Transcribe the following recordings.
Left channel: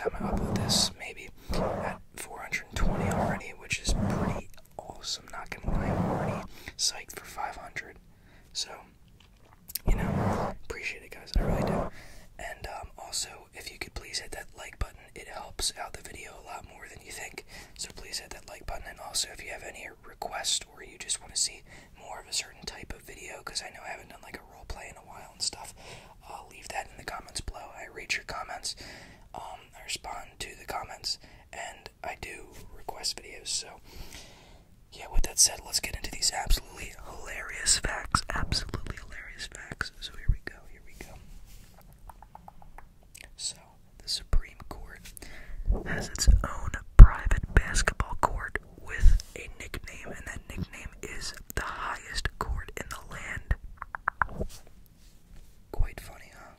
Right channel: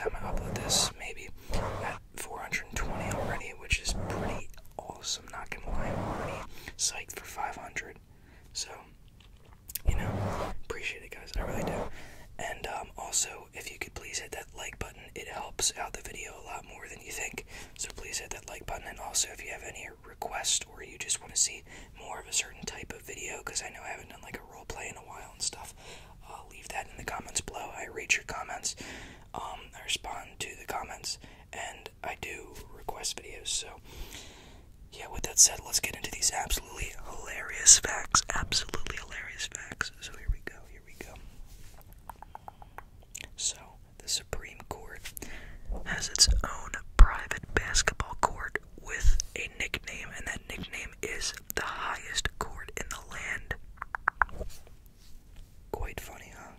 time I upload this, maybe at 420 already, which is pretty awesome, not gonna lie. I'm already psyched for 500, so, you know, appreciate it, guys, I really do. And also, if you could please hit that like button, it helps out the video a lot more than you think, so please hit that like button. And also, if you have any requests, or you just want to see more of a certain type of video, because I know I haven't done like a role play in a while and stuff, leave that in the comments below. I read your comments, I respond to the comments, and I do request videos. So yeah, with that said, let's get into these absolutely hilarious facts. Absolutely hilarious facts. So here we go. So the Supreme Court has its own private basketball court with a nickname, and that nickname is the highest court in the land. Quite funny, huh?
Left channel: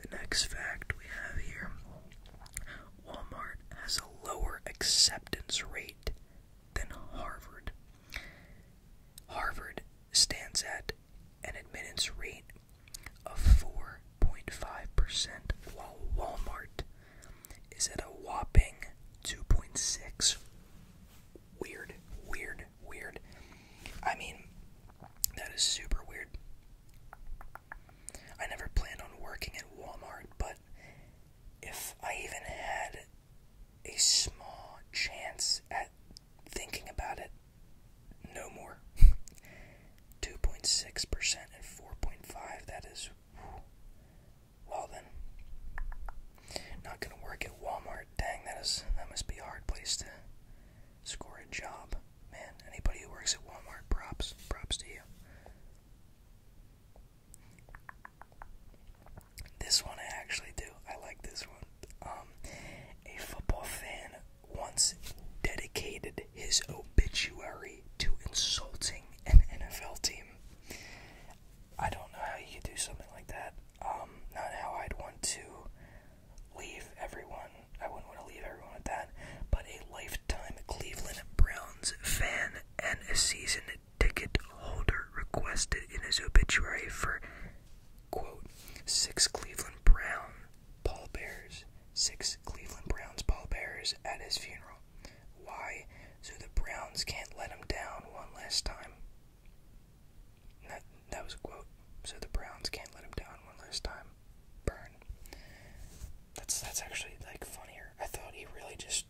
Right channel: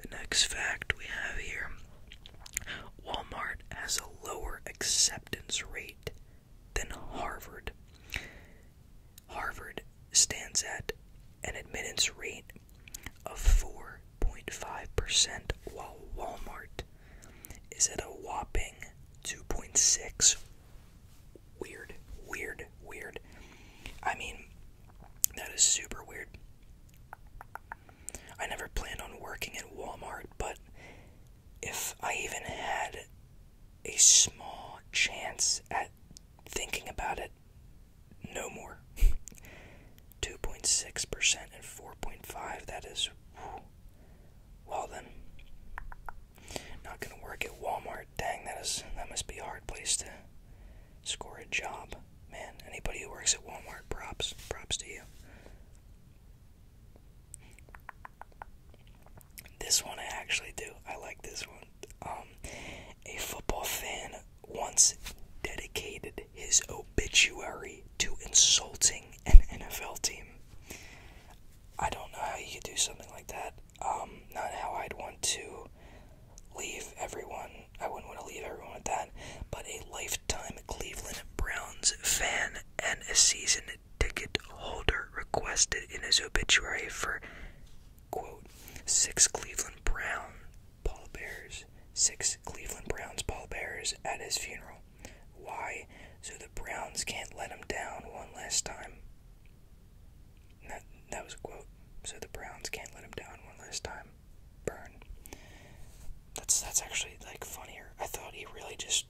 The next fact we have here: Walmart has a lower acceptance rate than Harvard. Harvard stands at an admittance rate of 4.5%, while Walmart is at a whopping 2.6. Weird. I mean, that is super weird. I never planned on working at Walmart, but if I even had a small chance at thinking about it, no more. 2.6% and 4.5%, that is, well then, not gonna work at Walmart. Dang, that must be a hard place to score a job. Man, anybody who works at Walmart, props to you. This one I actually do. I like this one. A football fan once dedicated his obituary to insulting an NFL team. I don't know how you could do something like that. Not how I'd want to leave everyone. I wouldn't want to leave everyone with that. But a lifetime Cleveland Browns fan and a season ticket holder requested in his obituary for, quote, 6 Cleveland Browns pallbearers at his funeral. Why? So the Browns can't let him down one last time. That was a quote. So the Browns can't let him down one last time. Burn. That's actually, like, funnier. I thought he really just,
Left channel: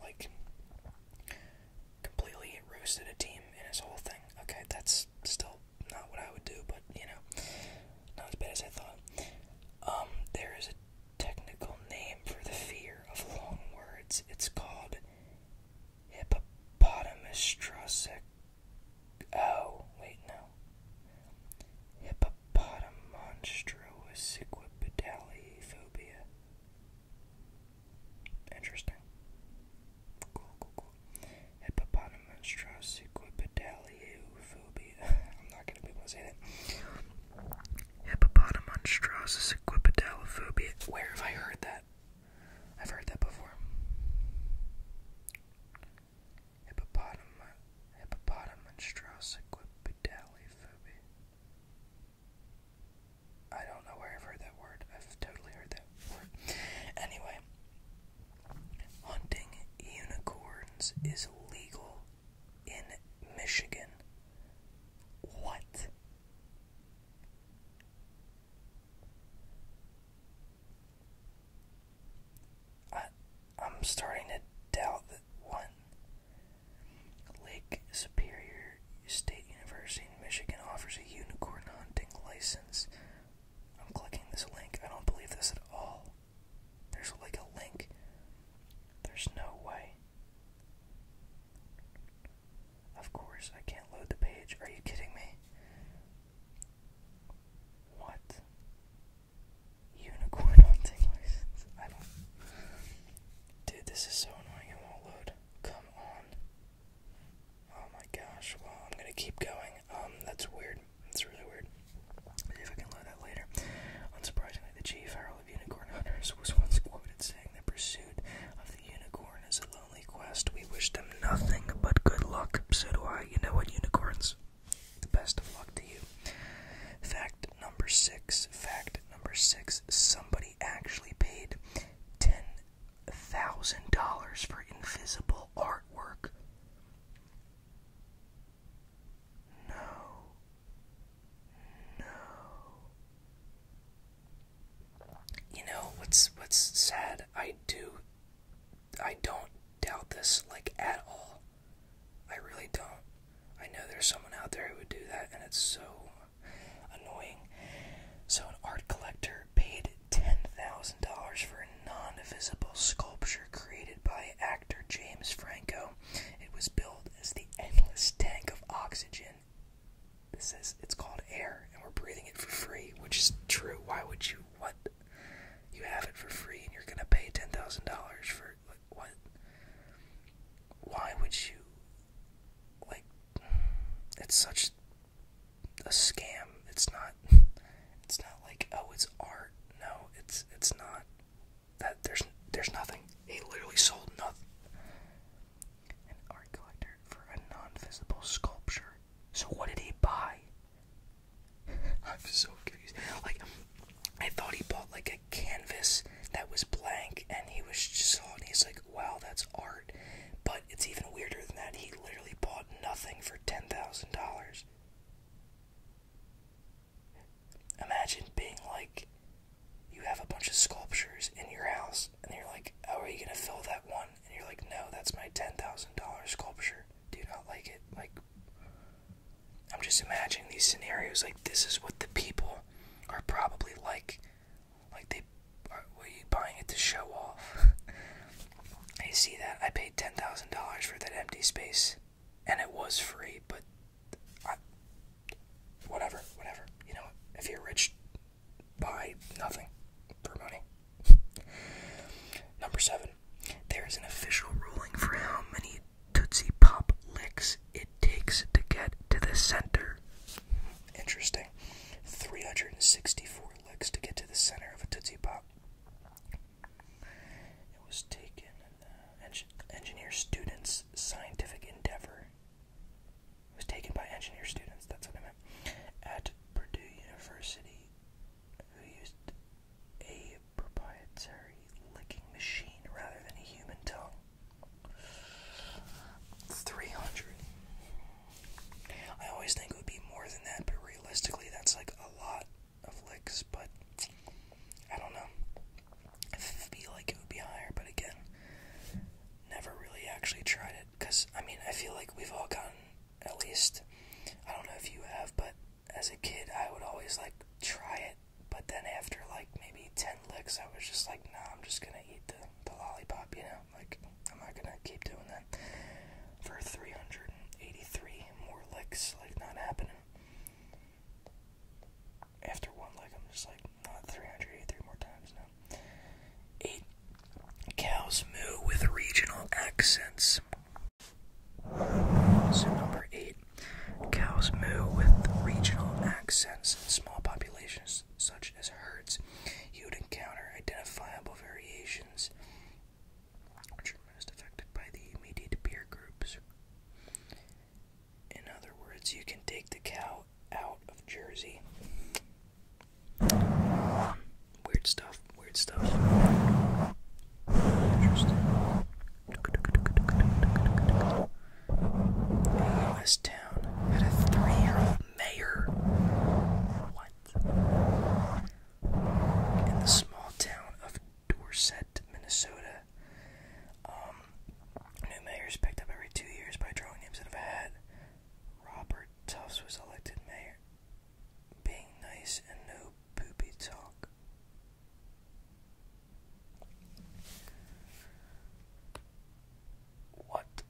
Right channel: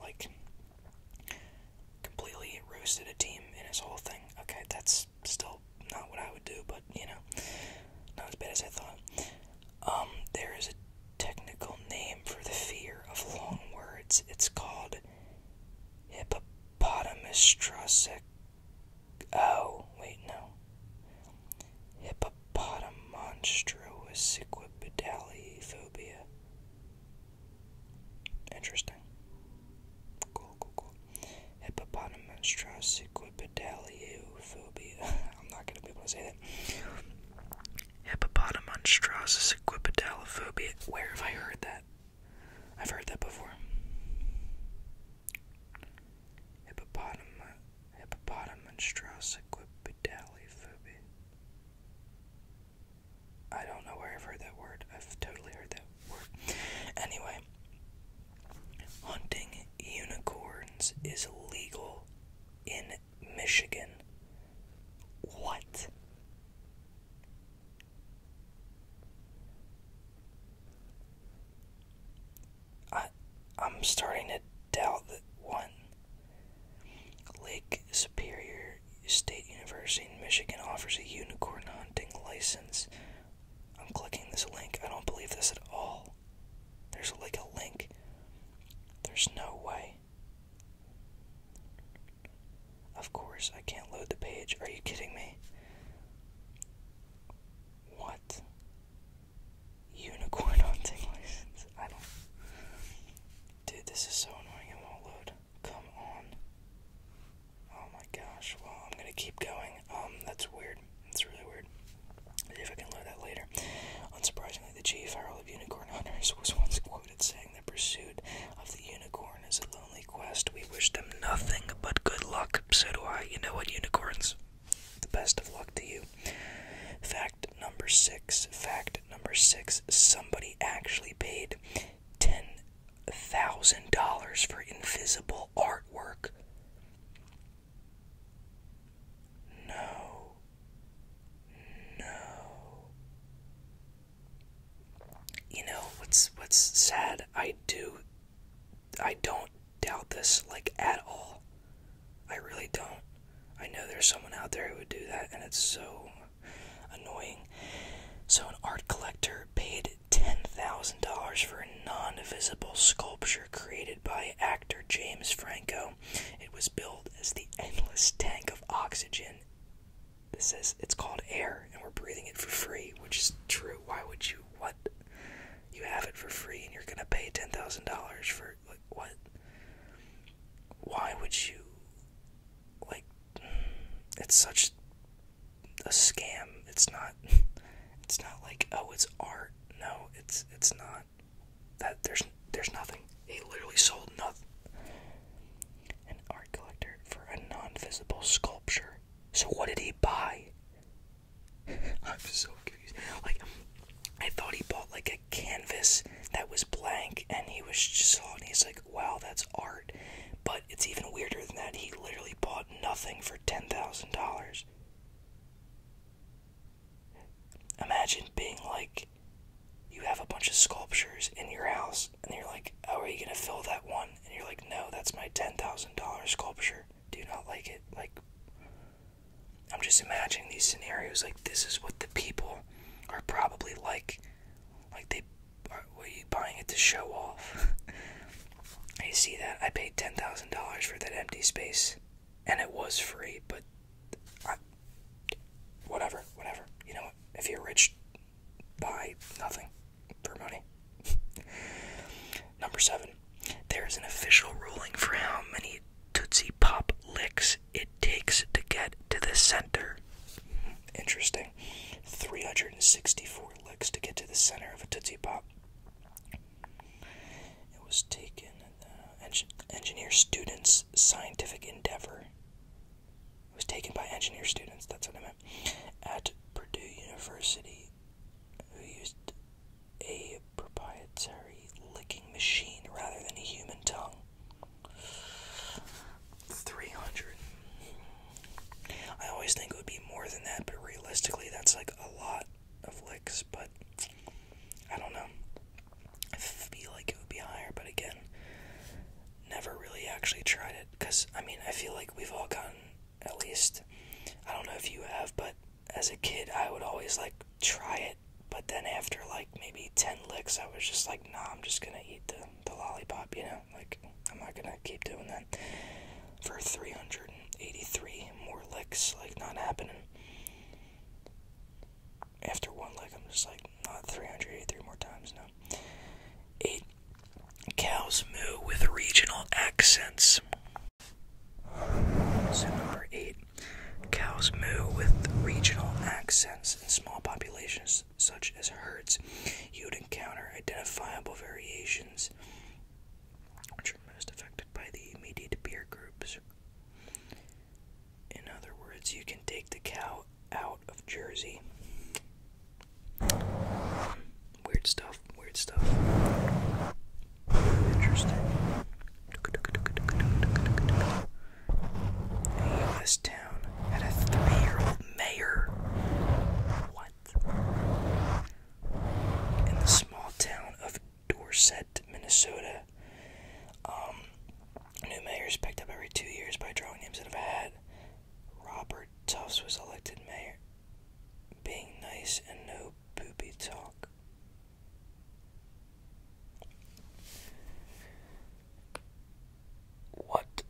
like, completely roasted a team in his whole thing. Okay, that's still not what I would do, but, you know, not as bad as I thought. There is a technical name for the fear of long words. It's called hippopotamonstrosic. Oh, wait, no. Hippopotamonstrosiquipedaliophobia. Interesting. Cool. Hippopotamonstrosiquipedaliophobia. I'm not gonna be able to say that. Hippopotamonstrosiquipedaliophobia. Where have I heard that? I've heard that before. Hippopotamonstrosiquipedaliophobia. I don't know where I've heard that word. I've totally heard that word. Anyway, hunting unicorns is legal in Michigan. What? I'm starting to doubt that one. Lake Superior State University in Michigan offers a unicorn hunting license. I'm clicking this link. I don't believe this at all. There's like a link. There's no way. Of course, I can't load the page. Are you kidding me? What? Unicorn hunting license? I don't... Dude, this is so annoying. It won't load. Come on. Oh my gosh. Well, I'm gonna keep going. That's weird. That's really weird. See if I can load that later. Unsurprisingly, the chief herald of unicorn hunters was once quoted saying the pursuit of the unicorn is a lonely quest. We wish them nothing but good luck. So do I. You know what, unicorns? The best of luck to you. that's sad. I don't doubt this, like, at all. I really don't. I know there's someone out there who would do that, and it's so annoying. So an art collector paid $10,000 for a non-visible sculpture created by actor James Franco. It was billed as the endless tank of oxygen. It's called air, and we're breathing it for free, which is true. Why would you? What? You have it for free, and you're gonna pay $10,000 for, like, what? Why would you? Like, it's such a scam. It's not like, oh, it's art. No, it's not. That there's nothing. He literally sold nothing. An art collector for a non-visible sculpture. So what did he buy? I'm so confused. Like, I thought he bought like a canvas that was blank, and he was just saw it, and he's like, wow, that's art. But it's even weirder than that. He literally bought nothing for $10,000. Imagine being like, you have a bunch of sculptures in your house, and you're like, oh, are you gonna fill that one? And you're like, no, that's my $10,000 sculpture. Do you not like it? Like, I'm just imagining these scenarios. Like, this is what the people are probably like. Like, were you buying it to show off? I see that. I paid $10,000 for that empty space, and it was free, but whatever. You know, if you're rich, buy nothing for money. Number 7. There is an official ruling for how many Tootsie Pop licks it takes to get to the center. Interesting. 364 licks to get to the center of a Tootsie Pop. It was taken in the engineer students' scientific endeavor. It was taken by engineer students, that's what I meant, at Purdue University, who used a proprietary licking machine rather than a human tongue. 300. I always think it would be more than that, but realistically that's like a lot of licks, but I don't know. I feel like it would be higher, but again, never really actually tried it, because, I mean, I feel like we've all gotten, at least, I don't know if you have, but as a kid, I would always, like, try it, but then after, like, maybe 10 licks, I was just like, nah, I'm just gonna eat the lollipop, you know, like, I'm not gonna keep doing that. For 383 more licks, like, not happening. After one lick, I'm just like, not 383 more times, no. 8. Cows moo with regional accents. So number 8. Cows moo with regional accents in small populations, such as herds. You would encounter identifiable variations, which are most affected by the immediate peer groups. In other words, you can take the cow out of Jersey. Weird stuff. Interesting. A U.S. town had a 3-year-old mayor. What? In the small town of Dorset, Minnesota. New mayors picked up every 2 years by drawing names out of a hat. Robert Tufts was elected mayor. Being nice and no poopy talk. What?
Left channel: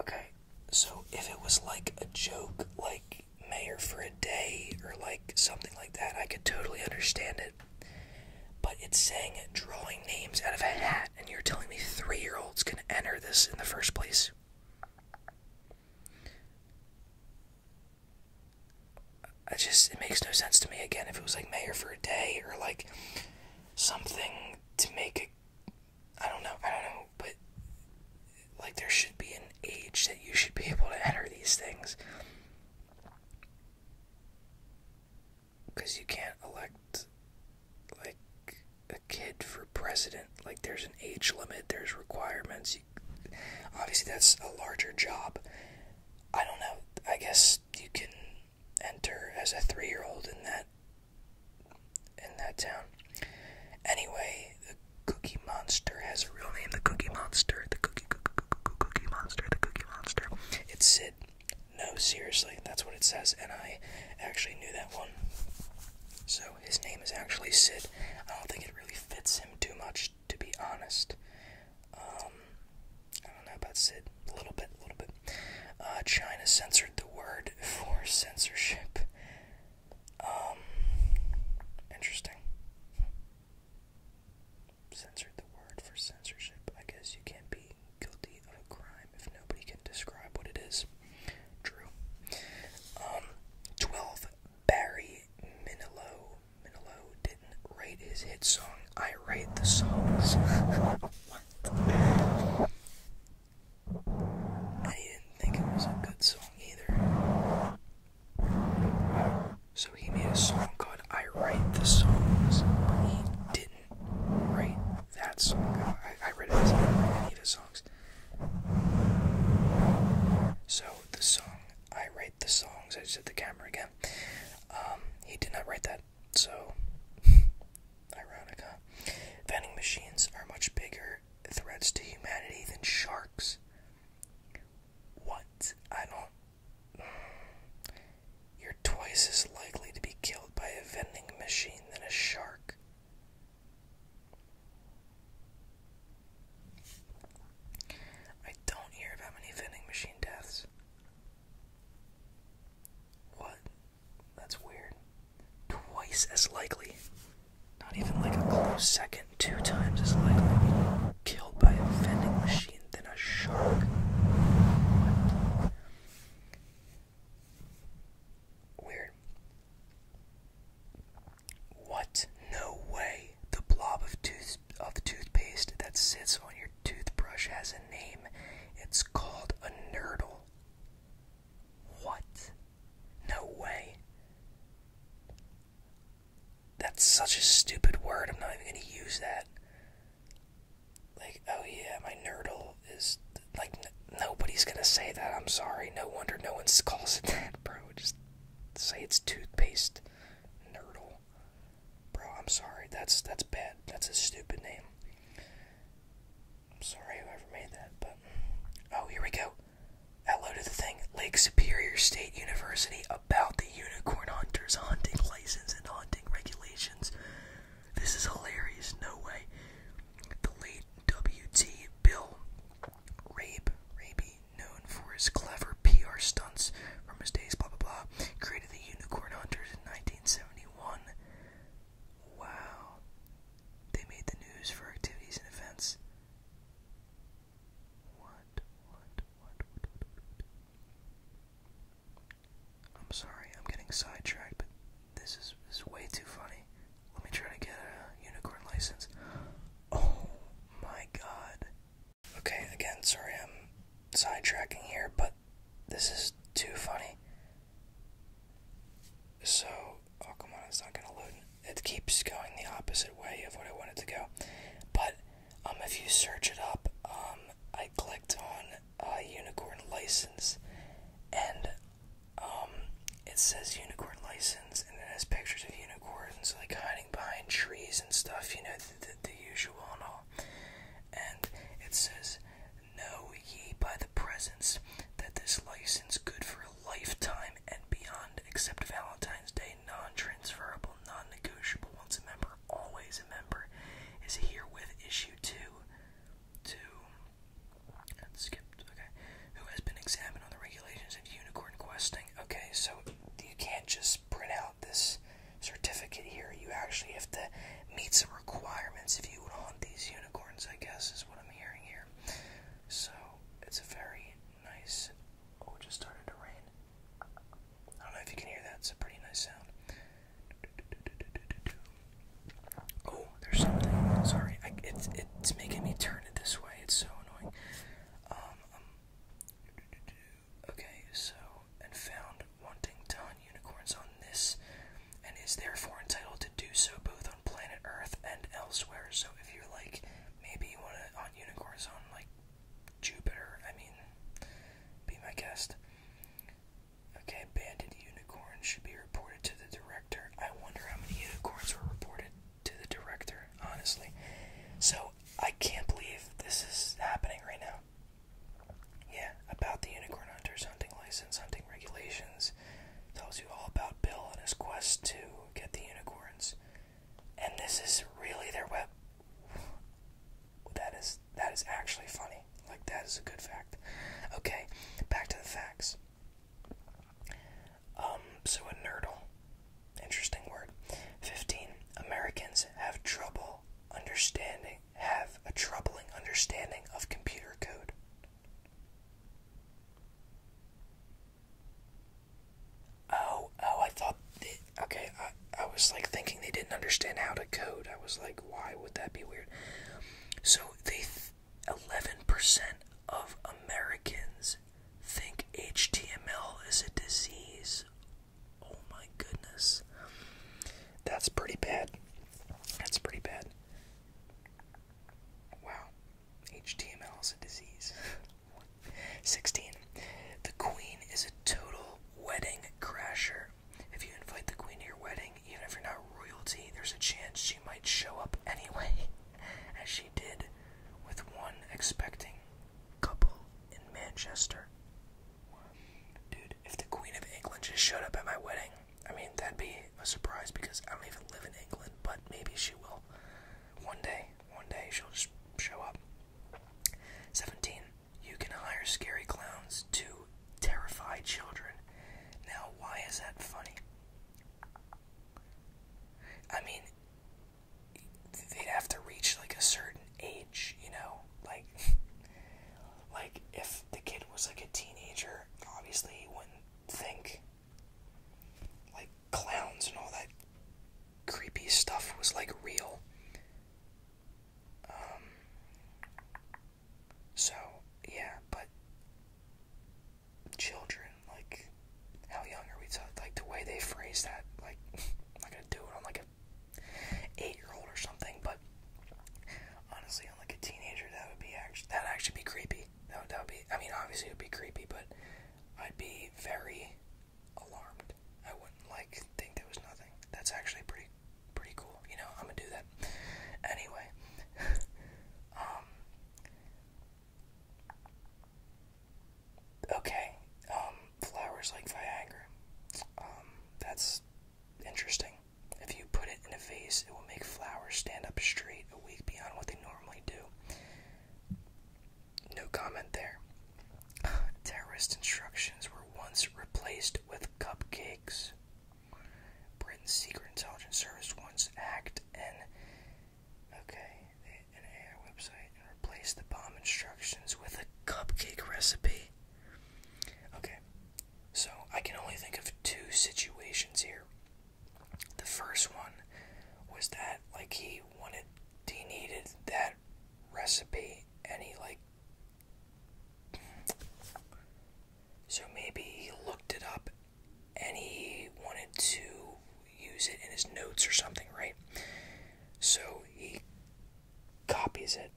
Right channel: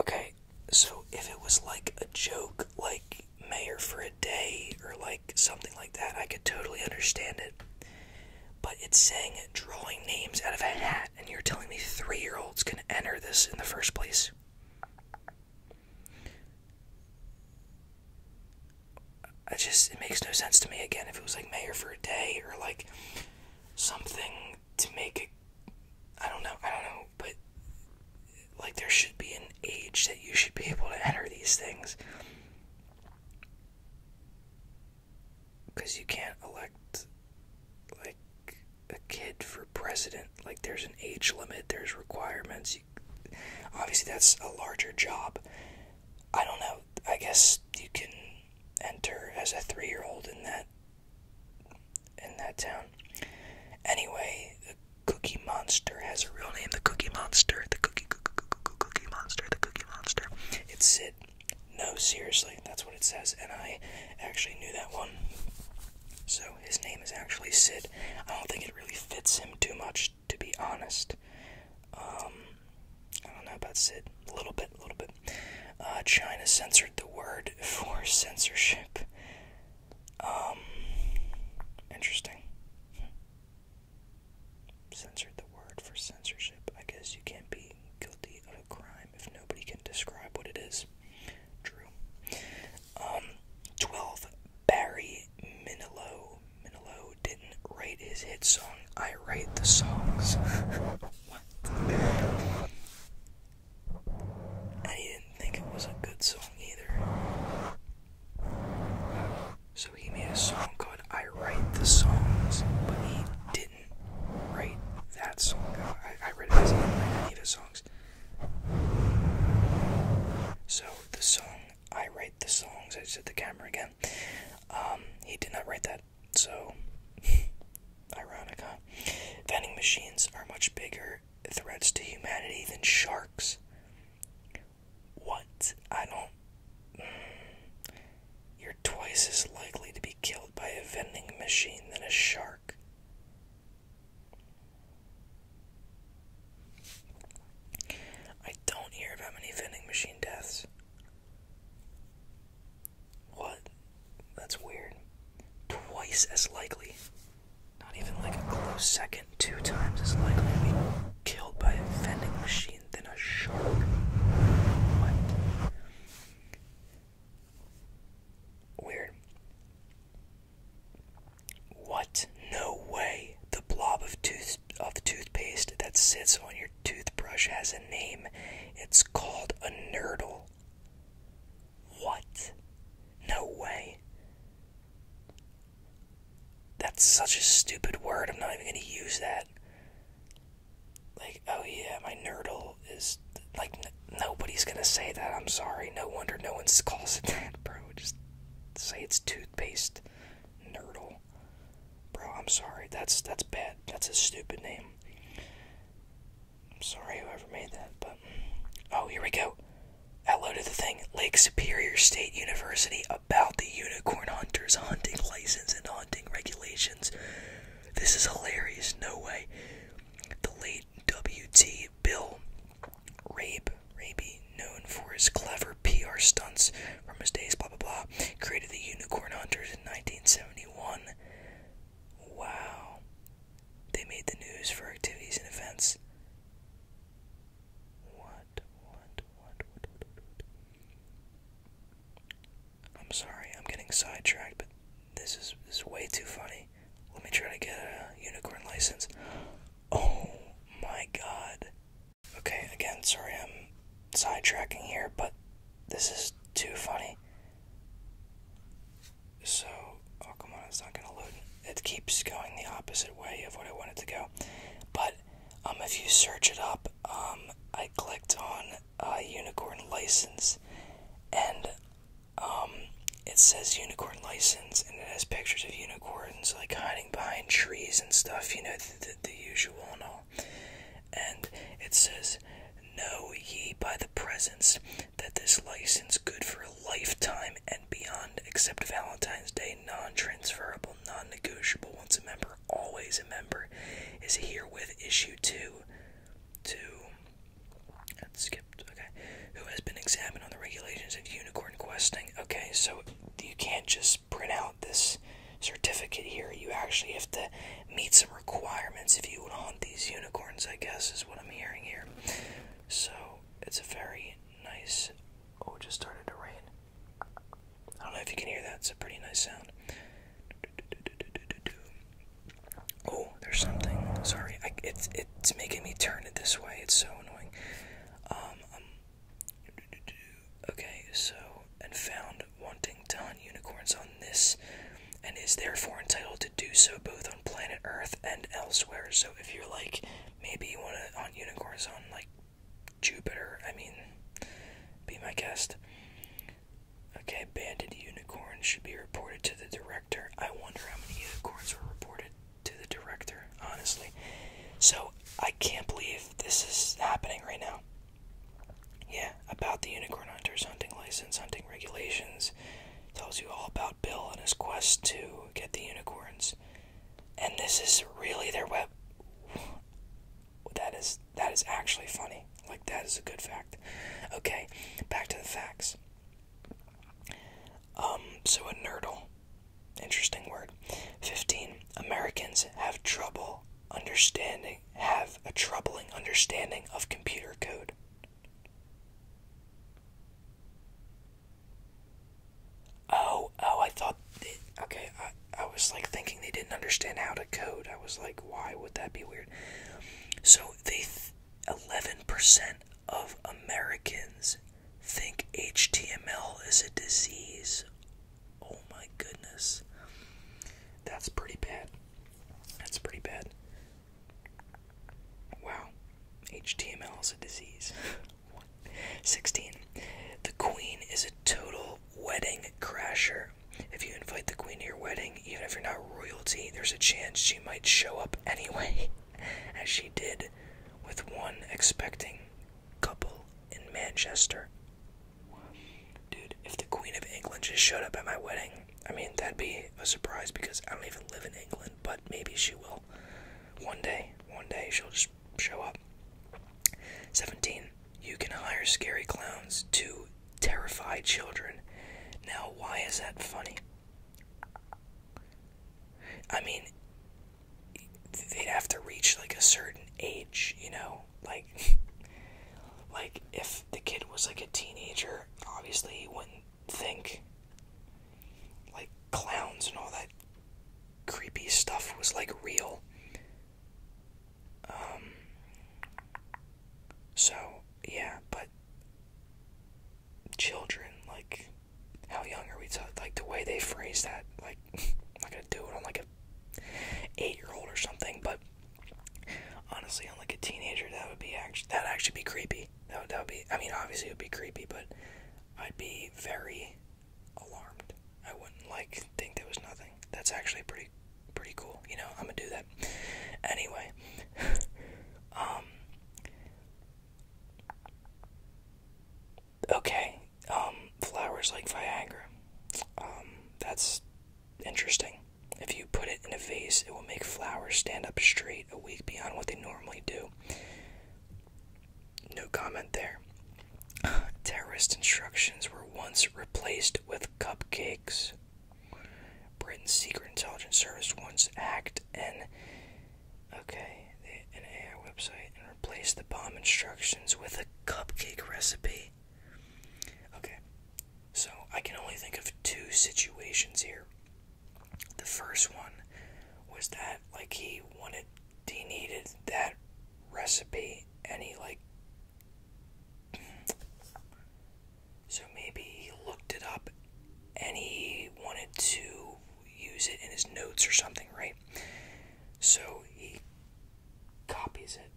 Okay, so if it was like a joke, like mayor for a day, or like something like that, I could totally understand it. But it's saying drawing names out of a hat, and you're telling me 3-year-olds can enter this in the first place? It makes no sense to me. Again, if it was like mayor for a day, or like something to make it, I don't know, but like there should be an age that you should be able to enter these things. Because you can't elect like a kid for president. Like, there's an age limit, there's requirements. Obviously that's a larger job. I don't know, I guess you can enter as a 3-year-old in that town. Anyway, the Cookie Monster has a real name. The Cookie Monster. The Cookie Monster. The Cookie Monster. It's Sid. No, seriously, that's what it says, and I actually knew that one. So his name is actually Sid. I don't think it really fits him too much, to be honest. I don't know about Sid. A little bit. China censored the word for censorship. Interesting. Censored the word for censorship. I guess you can't be guilty of a crime if nobody can describe what it is. True. 12. Barry Manilow. Manilow didn't write his hit song. I write the songs. What? And he didn't think it was a good song either. So he made a song called I Write the Songs, but he didn't write that song. I read it as he didn't write any of his songs. So the song I Write the Songs, I said the camera again, he did not write that, so ironic, huh? Vending machines are much bigger threats to humanity than sharks. What? I don't... You're twice as likely to be killed by a vending machine than a shark. I don't hear about many vending machine deaths. What? That's weird. Twice as likely. Not even like a close second. 2 times as likely to be killed by a vending machine than a shark. What? Weird. What? No way. The blob of toothpaste that sits on your toothbrush has a name. It's called a nurdle. What? No way. That's such a stupid word. I'm not even going to use that. Like, oh yeah, my nurdle is... Like, nobody's going to say that. I'm sorry. No wonder no one calls it that, bro. Just say it's toothpaste. Nurdle. Bro, I'm sorry. That's bad. That's a stupid name. I'm sorry whoever made that, but... Oh, here we go. Hello to the thing. Lake Superior State University about the unicorn hunters hunting license and hunting regulations. This is hilarious. No way. The late W.T. Bill Raby, known for his clever PR stunts from his days, blah blah blah, created the unicorn hunters in 1971. Wow. They made the news for activities and events. I'm sorry, I'm getting sidetracked, but this is way too funny. Let me try to get a unicorn license. Oh my god. Okay, again, sorry I'm sidetracking here, but this is too funny. So, oh come on, it's not gonna load. It keeps going the opposite way of what I want it to go. But, if you search it up, I clicked on unicorn license, and it says unicorn license, and it has pictures of unicorns like hiding behind trees and stuff, you know, the usual and all. And it says, know ye by the presence that this license good for a lifetime and beyond, except Valentine's Day, non-transferable, non-negotiable, once a member, always a member, is herewith issued to okay, who has been examined on the regulations of unicorn questing. Okay, so you can't just print out this certificate here. You actually have to meet some requirements if you would hunt these unicorns, I guess, is what I'm hearing here. So, it's a very nice... Oh, it just started to rain. I don't know if you can hear that. It's a pretty nice sound. Oh, there's something. Sorry, it's making me turn it this way. It's so annoying. Okay, so, and found wanting to hunt unicorns on this, and is therefore entitled to do so both on planet Earth and elsewhere. So if you're like, maybe you want to hunt unicorns on, like, Jupiter, I mean, be my guest. Okay, banded unicorns should be reported to the director. I wonder how many unicorns were reported to the director, honestly. honestly. So, I can't believe this is happening right now. Yeah, about the unicorn hunters, hunting license, hunting regulations. Tells you all about Bill and his quest to get the unicorns. And this is really their web. That is actually funny. Like, that is a good fact. Okay, back to the facts. So a nerdle. Interesting word. 15. Americans have a troubling understanding of computer code. I thought, okay, I was like thinking they didn't understand how to code. I was like, why would that be weird? So 11% of Americans think HTML is a disease. Oh my goodness. That's pretty bad. That's pretty bad. Wow. HTML is a disease. 16. The Queen is a total wedding crasher. If you invite the Queen to your wedding, even if you're not royalty, there's a chance she might show up anyway, as she did with one expecting couple in Manchester. Dude, if the Queen of England just showed up at my wedding, I mean, that'd be a surprise because I don't even live in England, but maybe she will. One day she'll just show up. 17. You can hire scary clowns to terrify children. Now, why is that funny? I mean, they'd have to reach like a certain age, you know? Like if the kid was like a teenager, obviously he wouldn't think like clowns and all that creepy stuff was like real. So, yeah, but children, like, how young are we talking? Like, the way they phrase that, like, I'm not gonna do it on, like, a 8-year-old or something, but honestly, on, like, a teenager, that'd actually be creepy. That would be, I mean, obviously it would be creepy, but I'd be very alarmed. I wouldn't, like, think there was nothing. That's actually pretty cool, you know? I'm gonna do that. Anyway, okay, flowers like Viagra. That's interesting. If you put it in a vase, it will make flowers stand up straight a week beyond what they normally do. No comment there. Terrorist instructions were once replaced with cupcakes. Britain's Secret Intelligence Service once hacked an AI website and replaced the bomb instructions with a cupcake recipe. Okay, so I can only think of 2 situations here. The first one was that, like, he needed that recipe, and he, like, so maybe he looked it up, and he wanted to use it in his notes or something, right? So he copies it.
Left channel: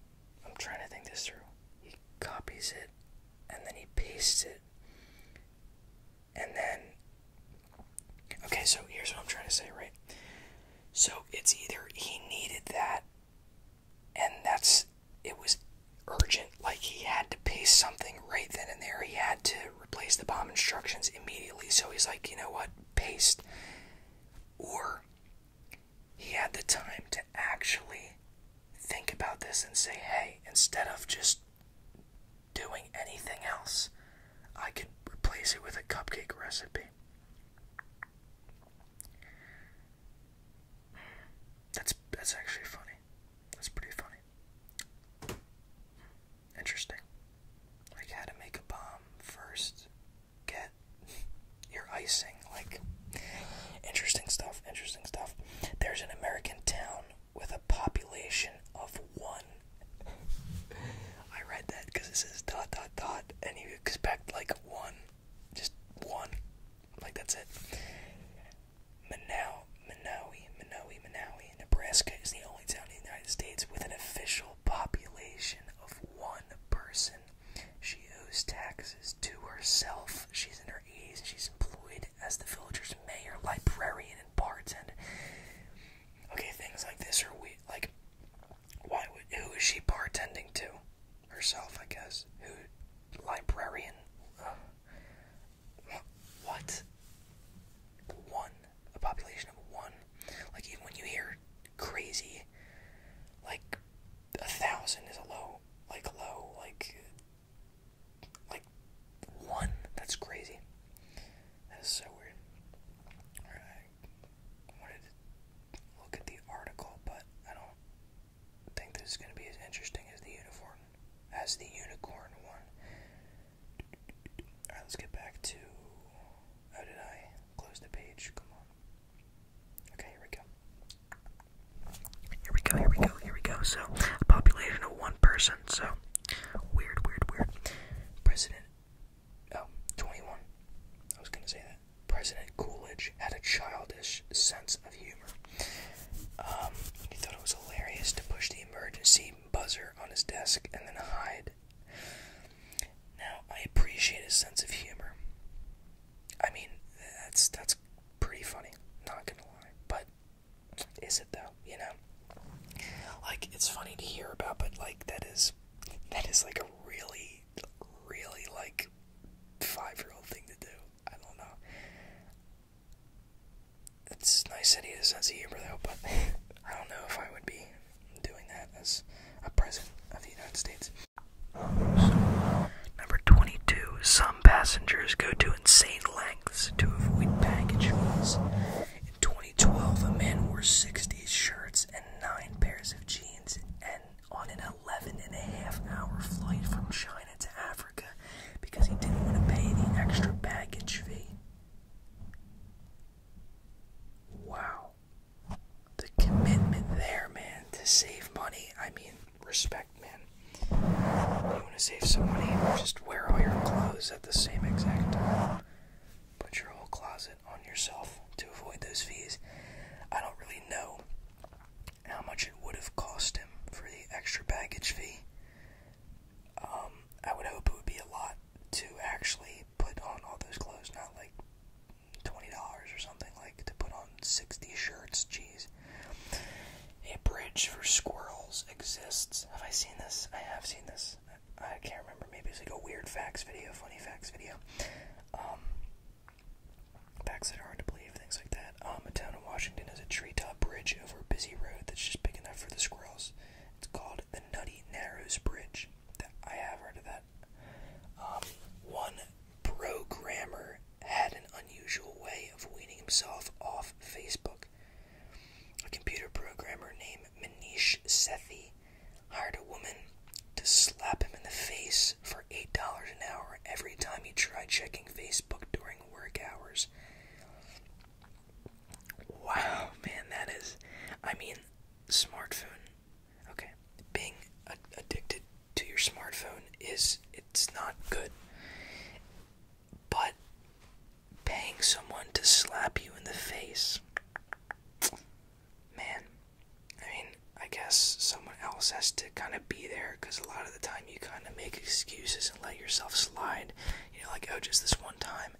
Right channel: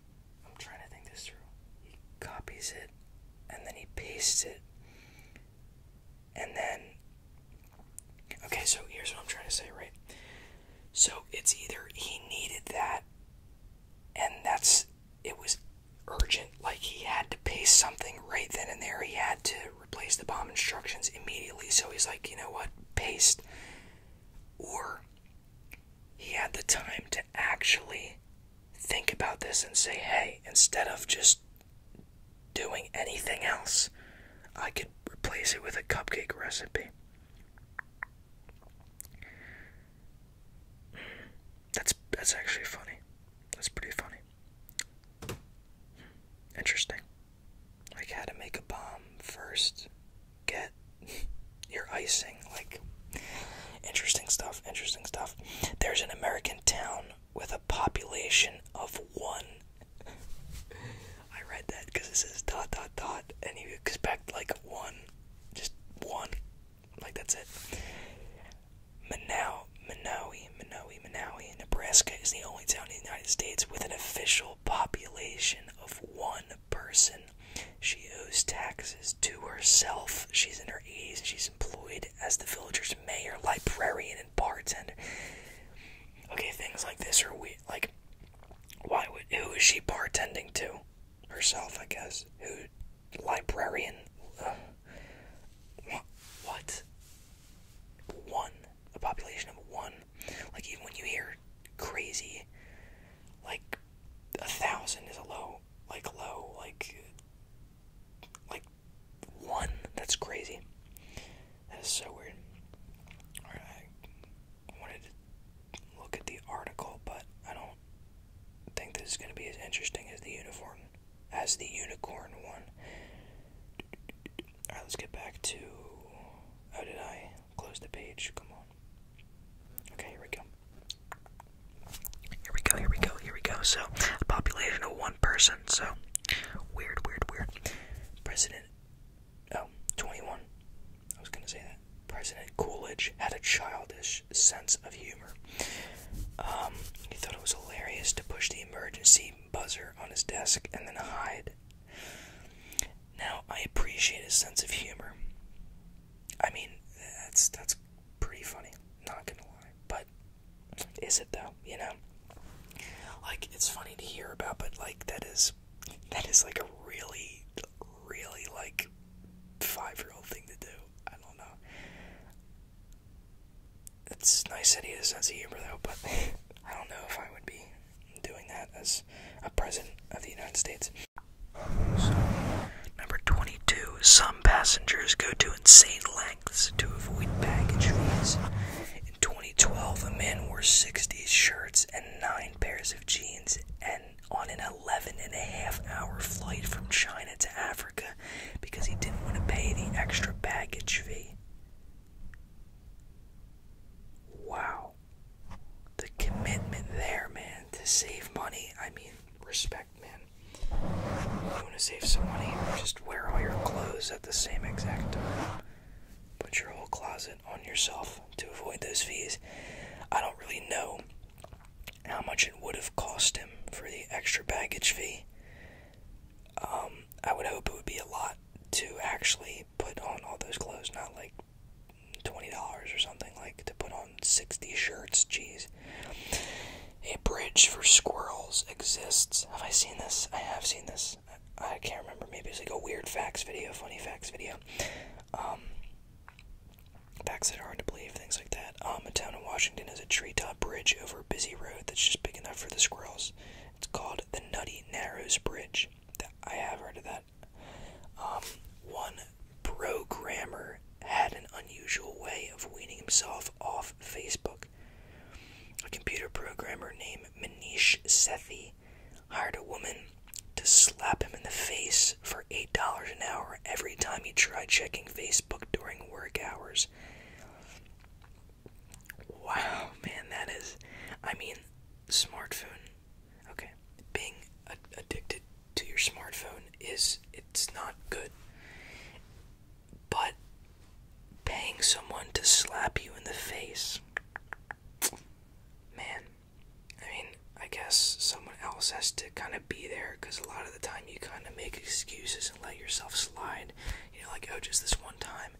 I'm trying to think this through. He copies it, and then he pastes it, and then, okay, so here's what I'm trying to say, right? So it's either he needed that, and it was urgent, like he had to paste something right then and there. He had to replace the bomb instructions immediately, so he's like, you know what, paste. Or he had the time to actually think about this and say, hey, instead of just doing anything else, I could replace it with a cupcake recipe. That's actually funny. That's pretty funny. Interesting. Like how to make a bomb first, get your icing, like, interesting stuff. There's an American town with a population of 1. I read that because it says ... and you expect like 1, just 1, like that's it. Manawi, Nebraska is the only town in the United States with an official population of 1 person. She owes taxes to herself. She's in her 80s and she's employed as the village's mayor, librarian, and bartender. Okay, things like this are weird. Like, Who is she bartending to? Herself, I guess. Who? Librarian? What? One. A population of one. Like, even when you hear crazy, like, 1,000 is a low, like, one. That's crazy. That is so weird. Alright, I wanted to look at the article, but I don't think this is going to be as interesting as the unicorn one. Alright, let's get back to... How did I close the page? Come on. Okay, here we go. Here we go. So, a population of one person. So, weird. President, 21. I was gonna say that. President Coolidge had a childish sense of humor. He thought it was hilarious to push the emergency buzzer on his desk and then hide. Now, I appreciate his sense of humor. I mean, that's pretty funny, not gonna lie. But is it though? You know, like, it's funny to hear about, but like that is like a really like 5-year-old thing to do. I don't know. It's nice that he has a sense of humor though, but I don't know if I would be doing that as a president of the United States. So, number 22. Some passengers go to insane lengths to avoid baggage fees. In 2012, a man wore 60 shirts and 9 pairs of jeans and on an 11.5-hour flight from China to Africa because he didn't want to pay the extra baggage fee. Wow. The commitment there, man, to save money. I mean, respect, man. You want to save some money, just wear all your clothes at the same exact time. Put your whole closet on yourself to avoid those fees. I don't really know how much it would have cost him for the extra baggage fee. I would hope it would be a lot to actually put on all those clothes, not like $20 or something, like to put on 60 shirts. Jeez. A bridge for squirrels exists. Have I seen this? I have seen this. I can't remember. Maybe it's like a weird facts video, funny facts video. Facts that are hard to believe, things like that. A town in Washington has a treetop bridge over a busy road that's just big enough for the squirrels. It's called the Nutty Narrows Bridge. I have heard of that. One programmer had an unusual way of weaning himself off Facebook. A computer programmer named Manish Sethi hired a woman to slap him in the face for $8 an hour every time he tried checking Facebook during work hours. Wow, man, that is... I mean, smartphone. Okay, being addicted to your smartphone it's not good. But paying someone to slap you in the face... Man, I mean, I guess someone else has to kind of be there, because a lot of the time you kind of make excuses and let yourself slide. You know, like, oh, just this one time.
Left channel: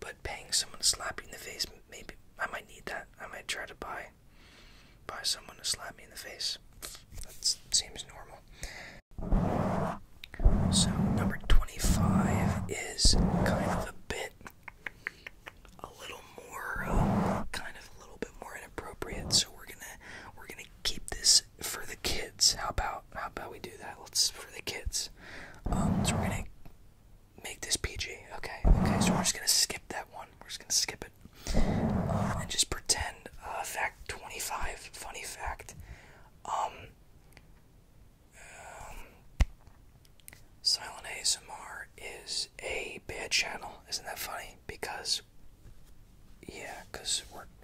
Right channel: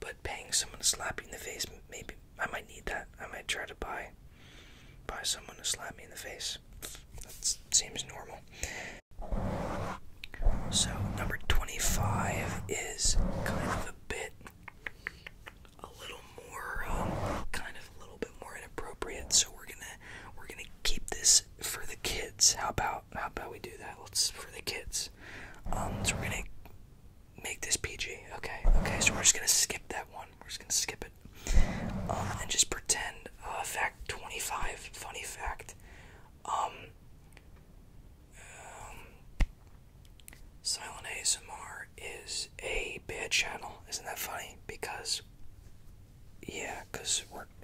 But paying someone to slap you in the face, maybe I might need that. I might try to buy someone to slap me in the face. That seems normal. So, number 25 is kind of a little more inappropriate. So we're gonna keep this for the kids. How about we do that? Let's for the kids. So we're gonna make this PG. Okay. So we're just gonna skip that one. We're just gonna skip it, and just pretend. Fact 25. Funny fact. Silent ASMR is a bad channel. Isn't that funny? Because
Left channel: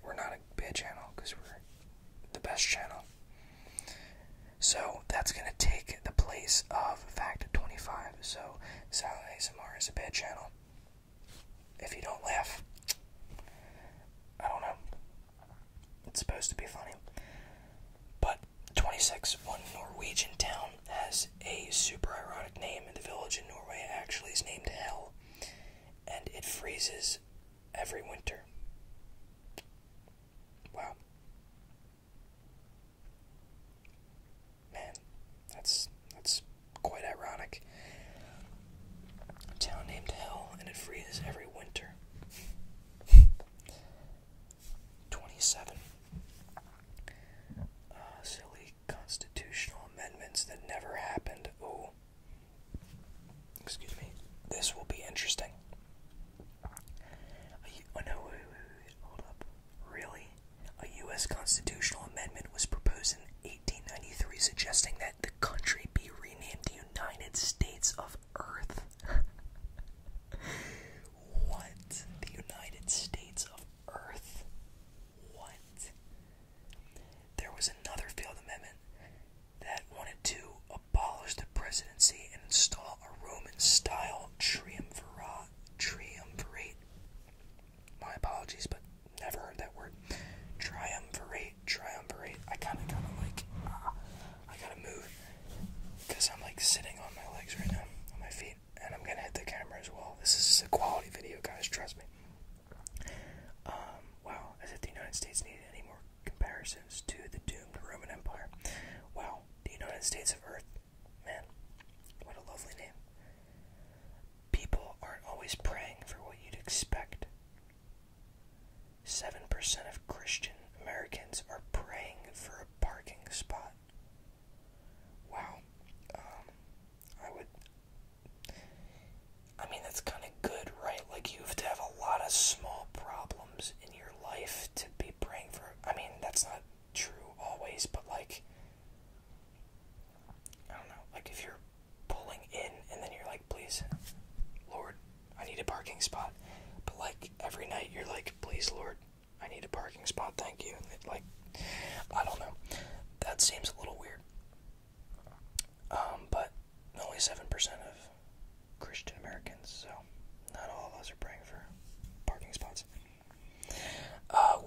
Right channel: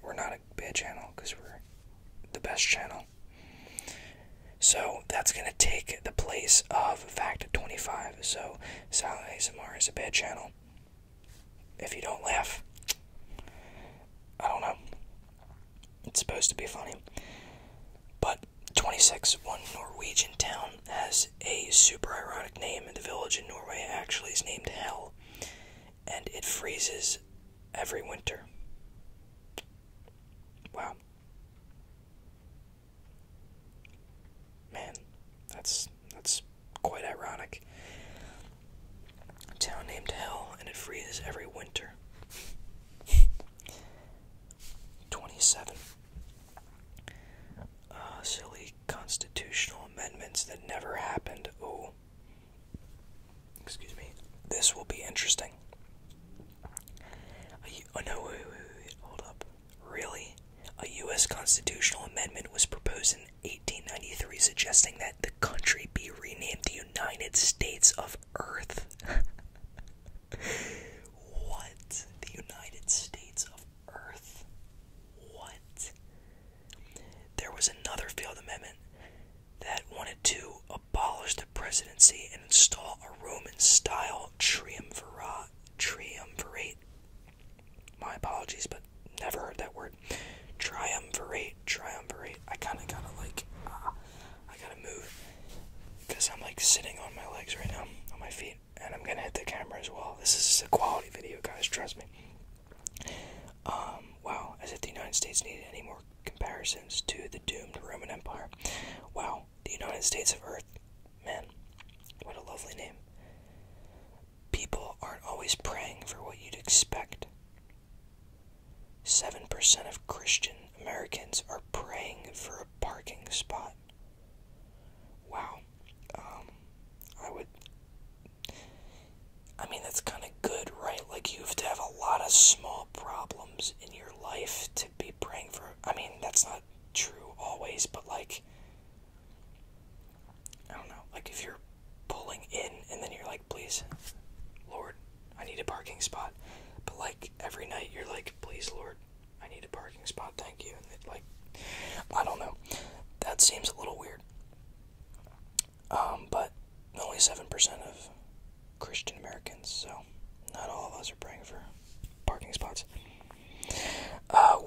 we're not a bad channel, because we're the best channel. So that's gonna take the place of fact 25. So Silent ASMR is a bad channel. If you don't laugh, I don't know. It's supposed to be funny. But 26, one Norwegian town has a super ironic name, and the village in Norway actually is named Hell, and it freezes every winter. Wow. Man, That's quite ironic. A town named Hell, and it freezes every winter. 27. Silly constitutional amendments that never happened. Oh, excuse me. This will be interesting. Oh no, wait, hold up. Really? A U.S. constitutional amendment was proposed in 1893 suggesting that the country be renamed the United States of Earth. What? The United States of Earth? What? There was another failed amendment that wanted to abolish the presidency and install a Roman-style triumvirate. My apologies, but never heard that word. Triumvirate. I kind of gotta I gotta move because I'm like sitting on my legs right now, on my feet, and I'm gonna hit the camera as well. This is a quality video, guys. Trust me. Wow. As if the United States needed any more comparisons to the doomed Roman Empire. Wow. The United States of Earth. Man, what a lovely name. People aren't always praying for what you'd expect. 7% of Christian Americans are praying for a parking spot. Wow. I mean, that's kind of good, right? Like, you have to have a lot of small problems in your life to be praying for. I mean, that's not true always, but like, I don't know. Like, if you're pulling in and then you're like, please, Lord, I need a parking spot. But like, every night you're like, please, Lord, I need a parking spot, thank you. And it, like, I don't know. That seems a little weird. But only 7% of Christian Americans, so not all of us are praying for parking spots.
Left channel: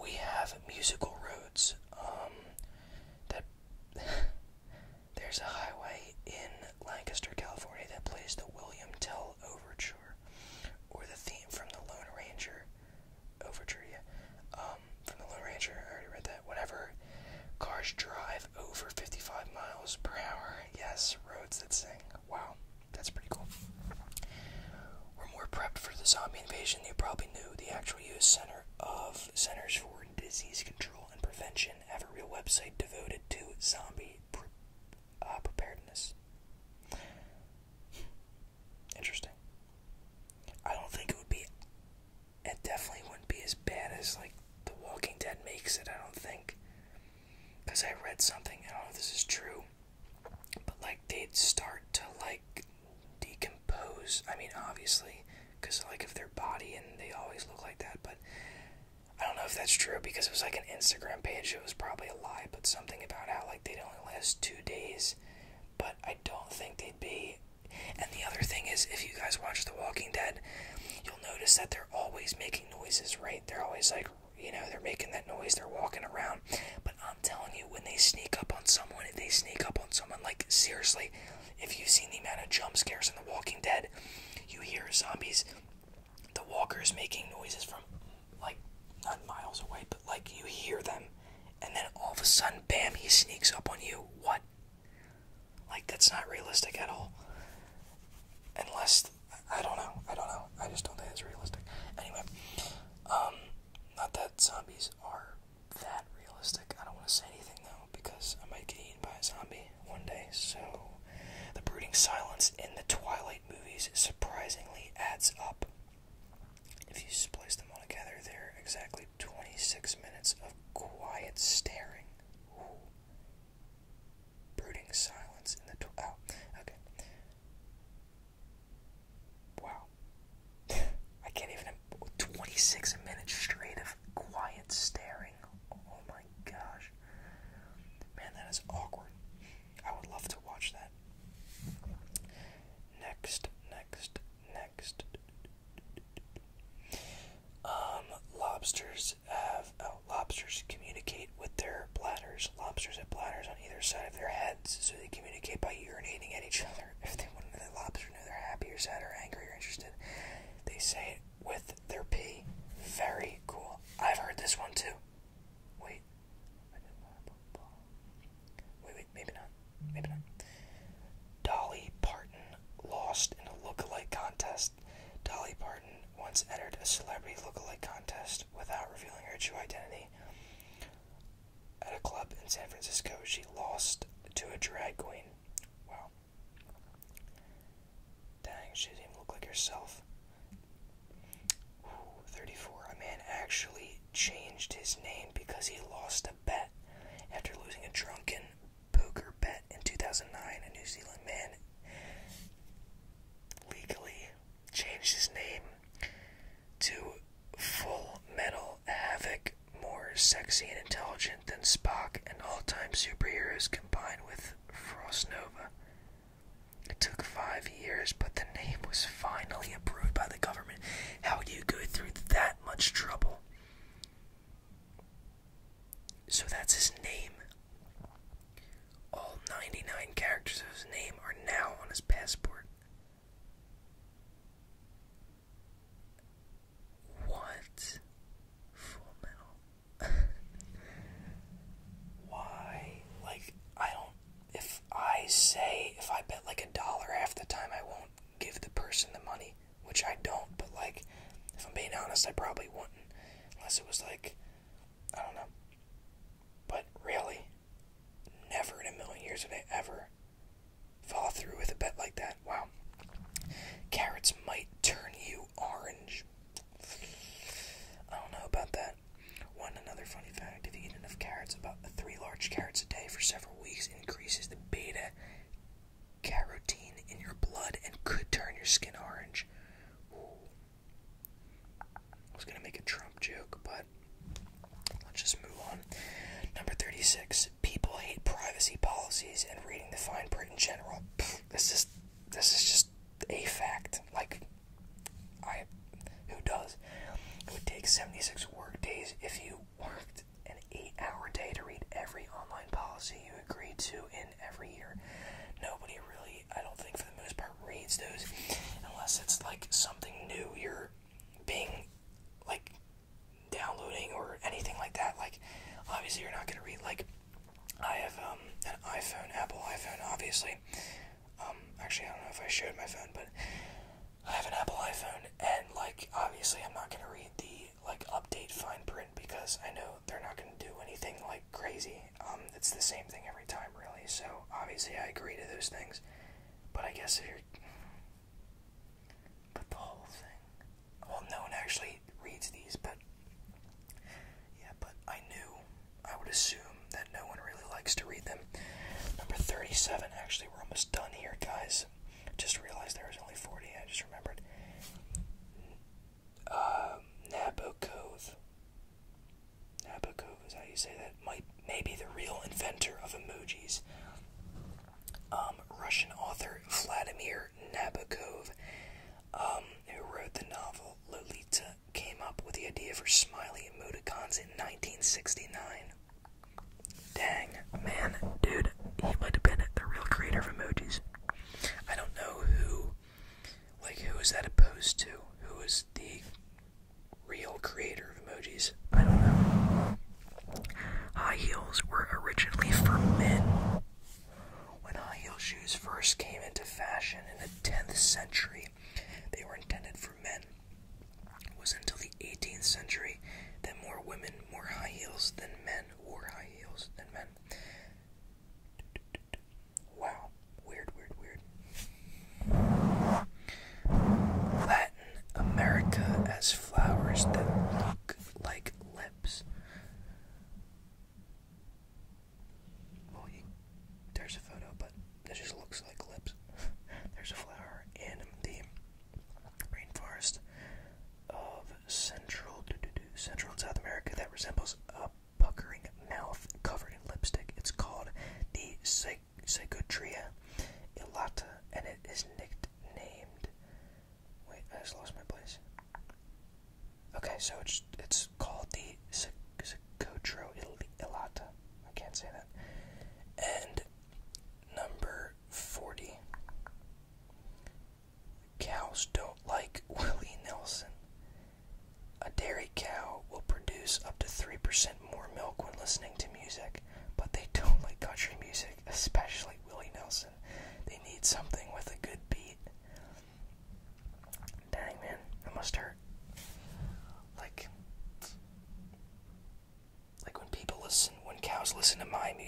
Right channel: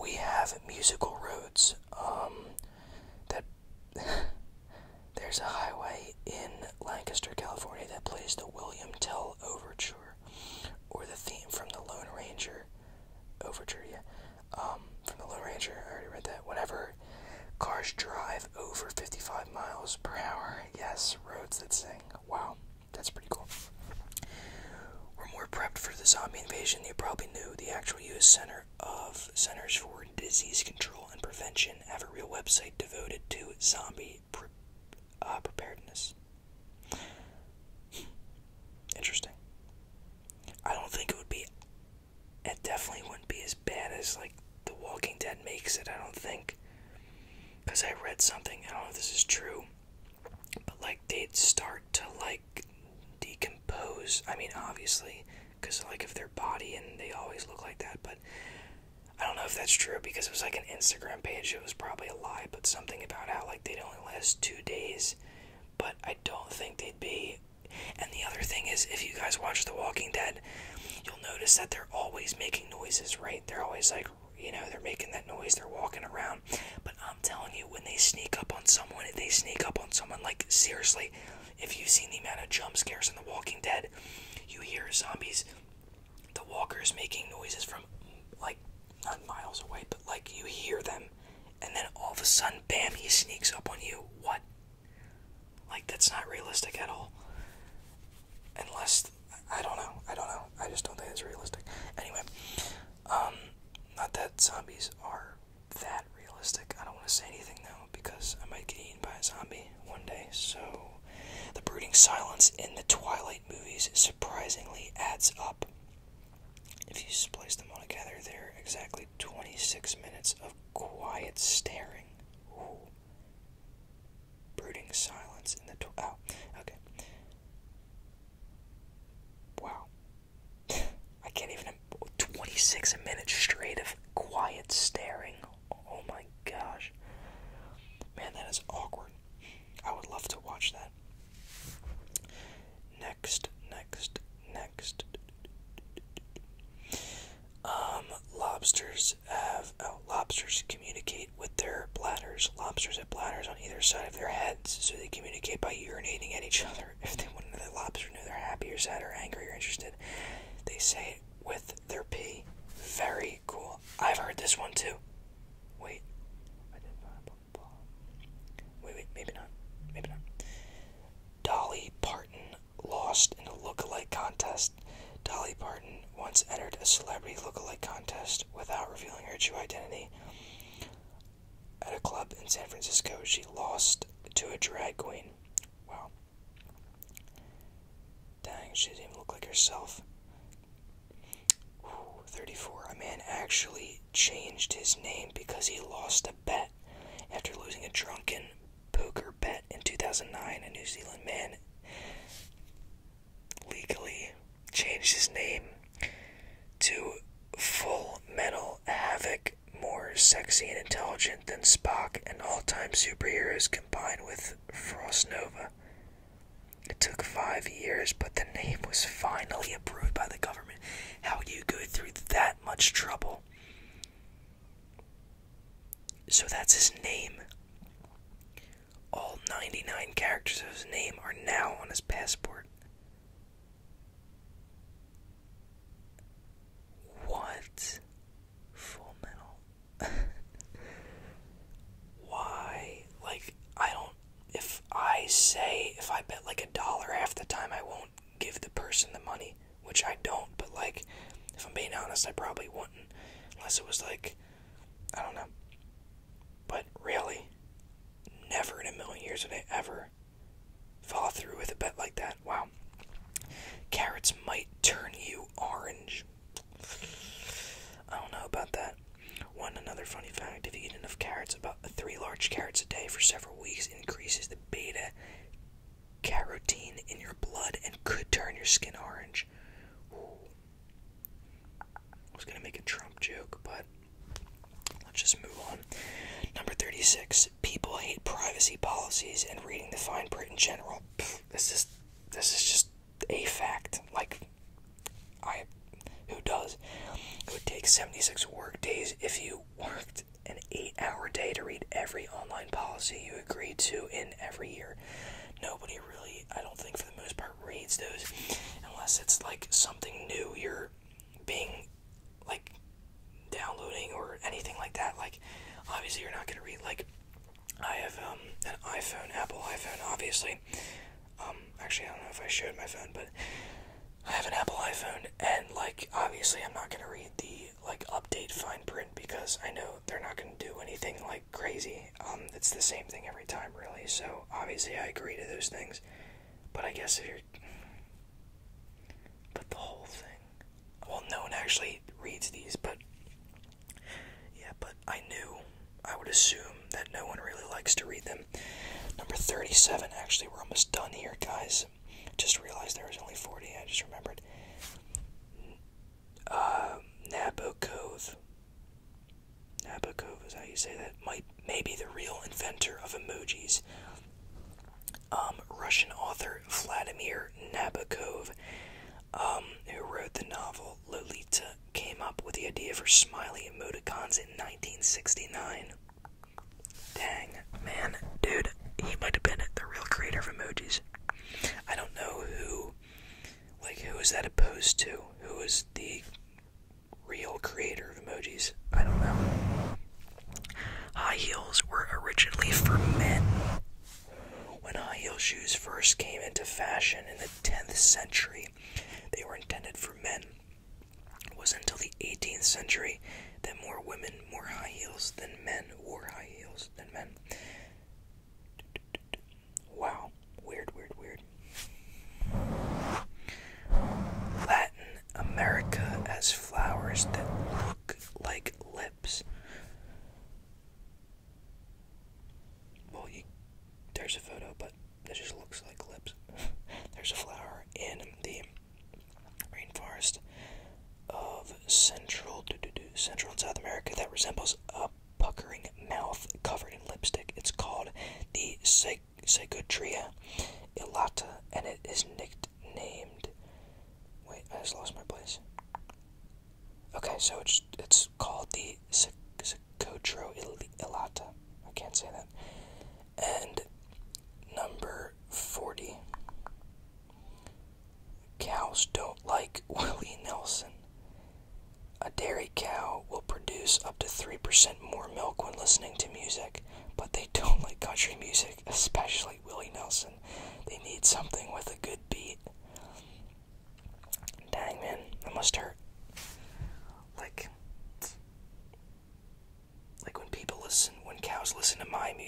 We have musical roads. That there's a highway in Lancaster, California that plays the William Tell Overture, or the theme from the Lone Ranger Overture. Yeah, from the Lone Ranger. I already read that. Whenever cars drive over 55 miles per hour, yes, roads that sing. Wow, that's pretty cool. We're more prepped for the zombie invasion. You probably knew the actual U.S. Centers for Disease Control and Prevention have a real website devoted to zombie preparedness. Interesting. I don't think it definitely wouldn't be as bad as like The Walking Dead makes it, I don't think. Because I read something, I don't know if this is true, but like they'd start to like decompose. I mean, obviously, because like of their body, and they always look like that, but I don't know if that's true because it was like an Instagram page. It was probably a lie, but something about how like they'd only last 2 days. But I don't think they'd be. And the other thing is, if you guys watch The Walking Dead, you'll notice that they're always making noises, right? They're always like, you know, they're making that noise, they're walking around. But I'm telling you, when they sneak up on someone, like, seriously, if you've seen the amount of jump scares in The Walking Dead, you hear zombies, the walkers making noises from, like, not miles away, but, like, you hear them, and then all of a sudden, bam, he sneaks up on you. What? Like, that's not realistic at all. Unless, I don't know. I just don't think it's realistic. Anyway, not that zombies are that realistic. I don't want to say anything, though, because I might get eaten by a zombie one day. So, the brooding silence in the Twilight movies surprisingly adds up. If you splice them all together, they're exactly 26 minutes of quiet staring. Ooh. Brooding silence in the oh, okay. Wow. I can't even 26 minutes straight of quiet staring. Oh my gosh. Man, that is awkward. I would love to watch that. Next. Lobsters communicate with their bladders. Lobsters have bladders on either side of their heads, so they communicate by urinating at each other. If they want the lobster to know they're happy or sad or angry or interested, they say it with their pee. Very cool. I've heard this one too. Wait, maybe not. once entered a celebrity lookalike contest without revealing her true identity. At a club in San Francisco, she lost to a drag queen. Wow. Dang, she doesn't even look like herself. 34. A man actually changed his name because he lost a bet. After losing a drunken poker bet in 2009, a New Zealand man legally changed his name to Full Metal Havoc, more sexy and intelligent than Spock and all-time superheroes combined with Frost Nova. It took 5 years, but the name was finally approved by the government. How do you go through that much trouble? So that's his name. All 99 characters of his name are now on his passport. What? Full Metal. Why? Like, I don't... If I bet like $1 half the time, I won't give the person the money. Which I don't, but like, if I'm being honest, I probably wouldn't. Unless it was like, I don't know. But really, never in a million years would I ever follow through with a bet like that. Wow. Carrots might turn you orange. I don't know about that. Another funny fact, if you eat enough carrots, about 3 large carrots a day for several weeks increases the beta carotene in your blood and could turn your skin orange. Ooh. I was gonna make a Trump joke, but let's just move on. Number 36. People hate privacy policies and reading the fine print in general. This is just a fact. Like, who does? It would take 76 work days if you worked an 8-hour day to read every online policy you agree to in every year. Nobody really, I don't think for the most part, reads those unless it's like something new you're being like downloading or anything like that. Like, obviously you're not going to read, like, I have an iPhone, Apple iPhone, obviously. Actually, I don't know if I showed my phone, but I have an Apple iPhone, and like, obviously I'm not going to read the like update fine print because I know they're not going to do anything like crazy. It's the same thing every time, really. So obviously I agree to those things, but I guess if you're, but the whole thing, well, no one actually reads these, but yeah, but I would assume that no one really likes to read them. Number 37, actually, we're almost done here, guys. Just realized there was only 40, I just remembered. Nabokov. Nabokov is how you say that. May be the real inventor of emojis. Russian author Vladimir Nabokov, who wrote the novel Lolita, came up with the idea for smiley emoticons in 1969. Dang, man, dude, he might have been the real creator of emojis. I don't know who is that opposed to? Who is the real creator of emojis? I don't know. High heels were originally for men. When high heel shoes first came into fashion in the 10th century, they were intended for men. It was until the 18th century that more women wore high heels than men wore high heels than men. Wow. Weird. Latin America has flowers that look like lips. Well, there's a photo, but it just looks like lips. There's a flower in the rainforest of Central and South America that resembles a puckering mouth covered in lipstick. It's called the Psychotria elata, and it is nicknamed. Wait, I just lost my place. Okay, so it's called the Psychotria elata. I can't say that. And number 40. Cows don't like Willie Nelson. A dairy cow will produce up to 3% more milk when listening to music, but they don't like country music, especially Willie Nelson. They need something with a good beat. Dang, man, that must hurt.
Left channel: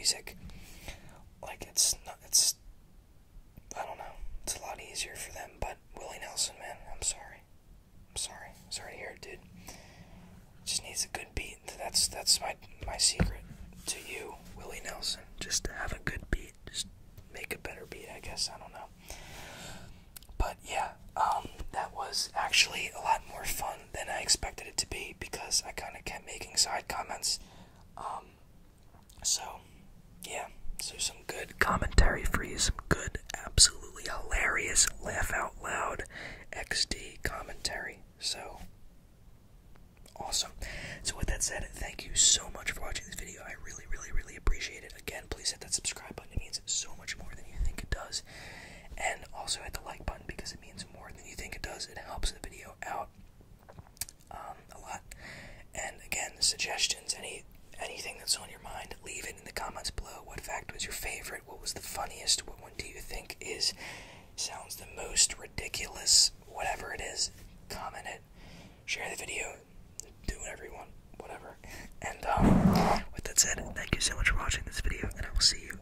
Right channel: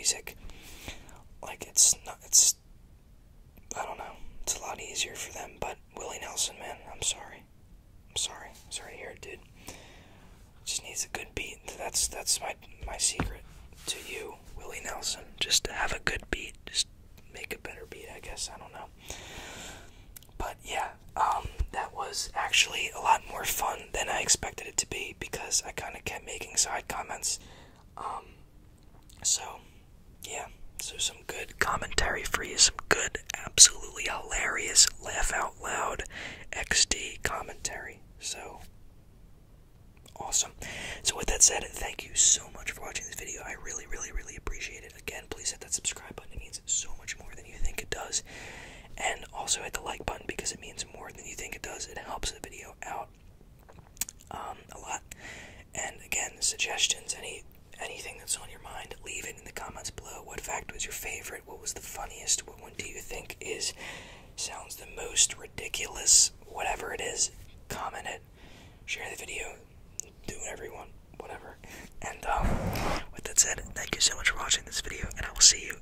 music. Like, I don't know, it's a lot easier for them, but Willie Nelson, man, I'm sorry to hear it, dude. Just needs a good beat. That's my secret to you, Willie Nelson. Just to have a good beat, just make a better beat, I guess, I don't know. But yeah, that was actually a lot more fun than I expected it to be, because I kind of kept making side comments. So yeah, so some good commentary for you, some good, absolutely hilarious, laugh out loud XD commentary. So awesome. So with that said, thank you so much for watching this video. I really appreciate it. Again, please hit that subscribe button. It means so much more than you think it does. And also hit the like button, because it means more than you think it does. It helps the video out a lot. And again, suggestions, anything that's on your mind, leave it in the comments below. What fact was your favorite? What was the funniest? What one do you think sounds the most ridiculous? Whatever it is, comment it, share the video, do whatever you want, whatever. And with that said, thank you so much for watching this video, and I will see you